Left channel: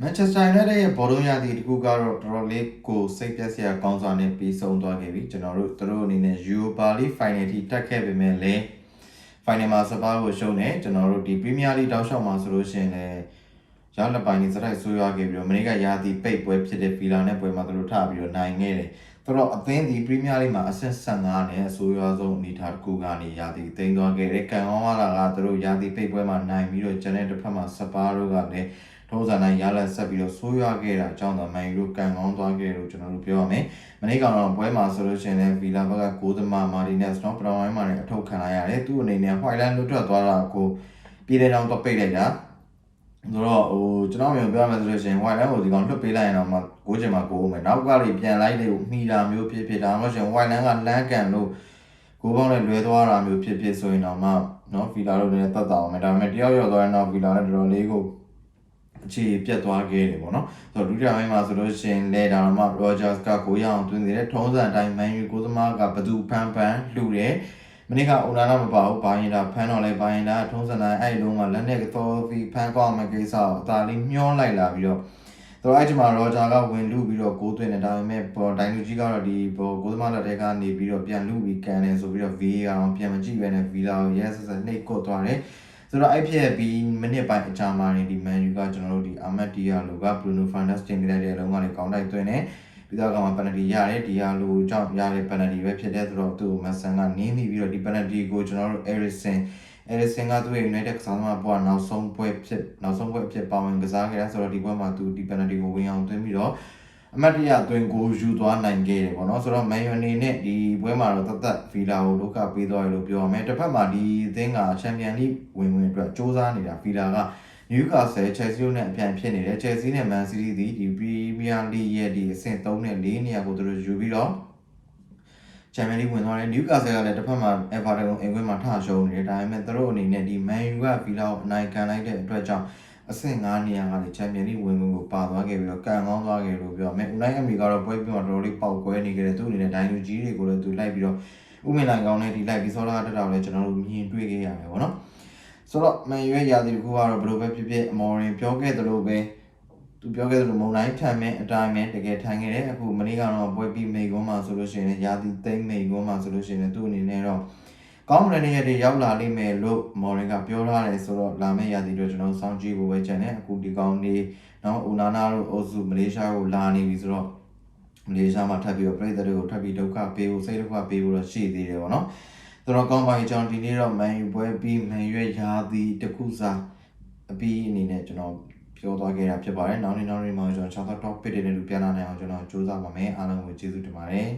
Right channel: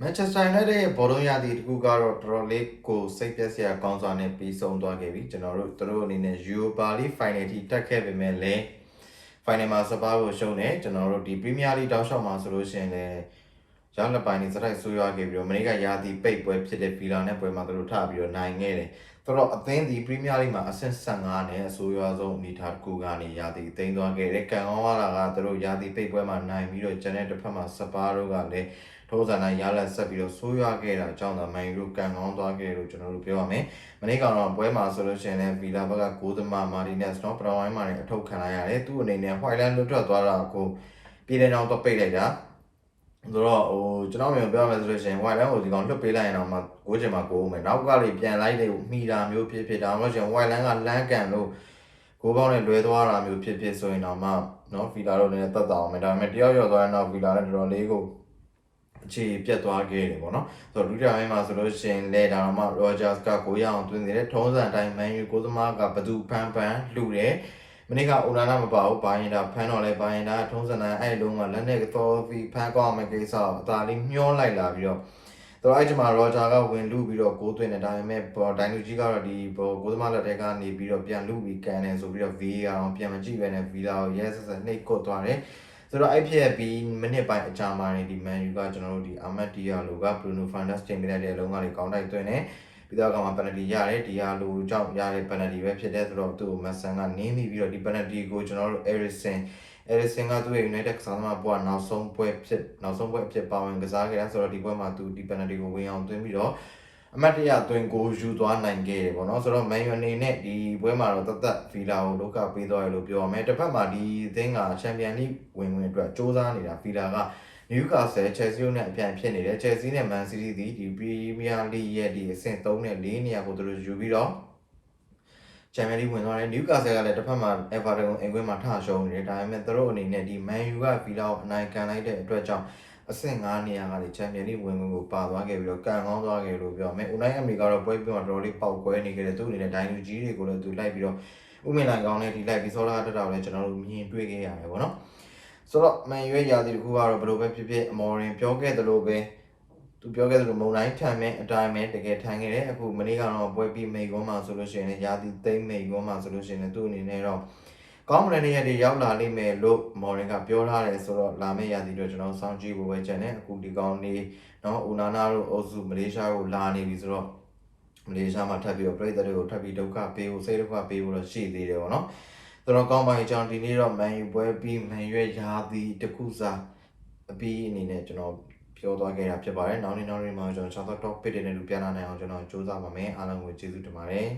Manchester United ရဲ့ဘောလုံးရာသီတစ်ခုကတော့တော်တော်လေးကိုစိတ်ပျက်စရာကောင်းစွာနဲ့ပြီးဆုံးသွားခဲ့ပြီကျွန်တော်တို့တို့အနေနဲ့ Europa League Final ထိတက်ခဲ့ပေမဲ့လည်း Final မှာစပါးကိုရှုံးတယ်ကျွန်တော်တို့ဒီ Premier League တောက်လျှောက်မှာဆိုလို့ရှိရင်လည်းရလက်ပိုင်းနေစတိုက်ဆိုးရွားခဲ့ပြီးတော့မနေ့ကရာသီပိတ်ပွဲဖြစ်တဲ့ Villa နဲ့ပွဲမှာသူတို့ထပြီးတော့နိုင်ခဲ့တယ်တော့အသင်းဒီ Premier League မှာအဆင့်15နဲ့အဆိုးရွားဆုံးအနေအထားတစ်ခုကနေရာသီသိမ်းသွားခဲ့တယ်။ကံကောင်းလာကသူတို့ရာသီပိတ်ပွဲမှာနိုင်ပြီးတော့ကျန်တဲ့တစ်ဖက်မှာစပါးတို့ကလည်းထုံးစံတိုင်းရလက်ဆက်ပြီးတော့ဆိုးရွားခဲ့တာအကြောင်းသာမန်ယူတို့ကံကောင်းသွားခဲ့လို့ကျွန်တော်တို့ပြောရမယ်။မနေ့ကတော့ပွဲမှာဆိုလို့ရှိရင်လည်း Villa ဘက်ကကိုသမားမာတီနက်စ်တော့ပထမပိုင်းမှာလည်းအထုတ်ခံလိုက်ရတယ်။သူ့အနေနဲ့ Whiteland လွတ်ထွက်သွားတာကိုပြည်တဲ့ကြောင်တော့ပိတ်လိုက်တာ။ဆိုတော့ကျွန်တော်ပြောရမယ်ဆိုလို့ရှိရင် Whiteland ကိုဒီကောင်လွတ်ပေးလိုက်ရင်တော့မှ6ချိန်မှာ6ဦးမယ်နောက်ကလေးပြန်လိုက်လေမိတာမျိုးဖြစ်ဒါမှမဟုတ်ရှင် Whiteland ကလမ်းကန်လို့ကိုပေါင်းနဲ့လွဲသွားတာမျိုးဖြစ်ဆိုရင်တော့မှနော် Villa တို့လည်းတတ်တာအောင်မယ်ဒါပေမဲ့တယောက်ရောက်သွားရင်တော့ Villa နဲ့တော်တော်လေးကိုအခြေပြတ်သွားခဲ့တယ်ပေါ့နော်ဆိုတော့ဒုတိယပိုင်းမှာဆိုလို့ရှိရင်လေဒါတော့မှ Rogers ကကိုရအောင်သွင်းနေတဲ့ထုံးစံအတိုင်း Man U ကိုသမားကဘသူဖန်လှူတယ်မနေ့ကအိုနာနာမပါဘူးဘာရင်တာဖန်တော့လဲဘာရင်တာထုံးစံတိုင်းအဲ့လုံးကလက်နဲ့သောပြီးဖန်ကောက်အောင်မယ့်ကိစ္စကိုအသာလေးမျောလိုက်လာပြီးတော့အဲ့ဒီမှာ Roger ကဝင်လူပြီးတော့ကိုးသွင်းတယ်ဒါပေမဲ့ဒိုင်လူကြီးကတော့ဒီကိုသမားလက်ထဲကနေပြီးတော့ပြန်လူပြီးကန်တယ်ဆိုပြီးတော့ VAR အောင်ပြန်မကြည့်ပဲနဲ့ Villa ကိုရဲဆက်ဆက်နှိပ်ကွတ်သွားတယ်ဆိုတော့အဲ့ဖြစ်ပြီးမိနစ်ပိုင်းအကြာမှာနေဒီ Man U ကကျွန်တော်တို့ဒီ Ahmed Diallo က Bruno Fernandes တင်ပေးလိုက်တဲ့အလုံးကလေးကောင်းတိုက်သွင်းတယ်ပြီးတော့ကမှ penalty ရတယ် Diallo ကြောင့်ရတဲ့ penalty ပဲဖြစ်တဲ့ဆိုတော့သူ့ကို Mason ကနင်းပြီးတော့ဒီ penalty ကိုကျွန်တော်တို့ Eriksen ကသူ့ရဲ့ United ကစားသမားဘွားနောက်ဆုံးပွဲအဖြစ်ပါဝင်ကစားခဲ့တာဆိုတော့ဒီပွဲမှာသူဒီ penalty ကိုဝင်အောင်သွင်းပြီးတော့အမတ်တရသွင်းကိုယူသွားနိုင်ခဲ့တယ်ပေါ့နော်ဆိုတော့ Man U အနေနဲ့ဒီပွဲမှာတော့တသက် Villa ကိုဒုက္ခပေးသွားရလို့ပြောရမယ်တစ်ဖက်မှာဒီအသင်းက Champion League ဝင်အတွက်စ조사နေတာ Villa က Newcastle Chelsea နဲ့အပြိုင်ဖြစ်နေတယ် Chelsea နဲ့ Man City ဒီ Premier League ရဲ့ဒီအဆင့်3နဲ့4နေရာကိုသူတို့ယူပြီးတော့ Champion League ဝင်သွားတယ် Newcastle ကလည်းတစ်ဖက်မှာ Everton ကိုအင်ကွင်းမှာထရှုံးနေတယ်ဒါပေမဲ့သူတို့အနေနဲ့ဒီ Man U က Villa ကိုအနိုင်ခံလိုက်တဲ့အတွက်ကြောင့်အဆင့်9နေရာကနေ Champion League ဝင်ကိုပါသွားခဲ့ပြီးတော့ကံကောင်းသွားခဲ့လို့ပြောမယ် Unai Emery ကတော့ပွဲပြီးတော့တော်တော်လေးပေါက်ကွဲနေခဲ့တယ်သူ့အနေနဲ့ဒိုင်လူကြီးတွေကိုလည်းသူလိုက်ပြီးတော့ဥမင်လိုင်ကောင်းနဲ့ဒီလိုက်ပြီးစောလာတက်တာကိုလည်းကျွန်တော်တို့မြင်တွေ့ခဲ့ရတယ်ပေါ့နော်ဆိုတော့ Man U ရဲ့ရာသီတစ်ခုကတော့ဘယ်လိုပဲဖြစ်ဖြစ်အမော်ရင်ပြောခဲ့သလိုပဲသူပြောခဲ့သလိုမုံတိုင်းထမ်းမဲ့အတိုင်းပဲတကယ်ထမ်းခဲ့တယ်အခုမနေ့ကတော့ပွဲပြီးမိကွန်းမှာဆိုလို့ရှိရင်ရာသီသိမ်းမိကွန်းမှာဆိုလို့ရှိရင်သူ့အနေနဲ့တော့ကောင်းတဲ့နေရာတွေရောက်လာလိမ့်မယ်လို့မော်ရင်ကပြောထားတယ်ဆိုတော့လာမယ့်ရာသီတွေကျွန်တော်စောင့်ကြည့်ဖို့ပဲကြံတယ်အခုဒီကောင်းနေနော်အိုနာနာတို့အိုစုမလေးရှားကိုလာနေပြီဆိုတော့မလေးရှားမှာထပ်ပြီးတော့ပြည်သက်တွေကိုထပ်ပြီးဒုက္ခပေးဖို့စိတ်ဒုက္ခပေးဖို့တော့ရှိသေးတယ်ပေါ့နော်တော်ကောင်းပါရင်ကျွန်တော်ဒီနေ့တော့ Man U ပွဲပြီး Man U ရဲ့ရာသီတစ်ခုစာအပြီးအနေနဲ့ကျွန်တော်ပြောသွားခဲ့တာဖြစ်ပါတယ်နောက်နေ့မှာကျွန်တော် top pick တွေနဲ့လူပြန်လာနိုင်အောင်ကျွန်တော်စူးစမ်းပါမယ်အားလုံးကိုကျေးဇူးတင်ပါတယ်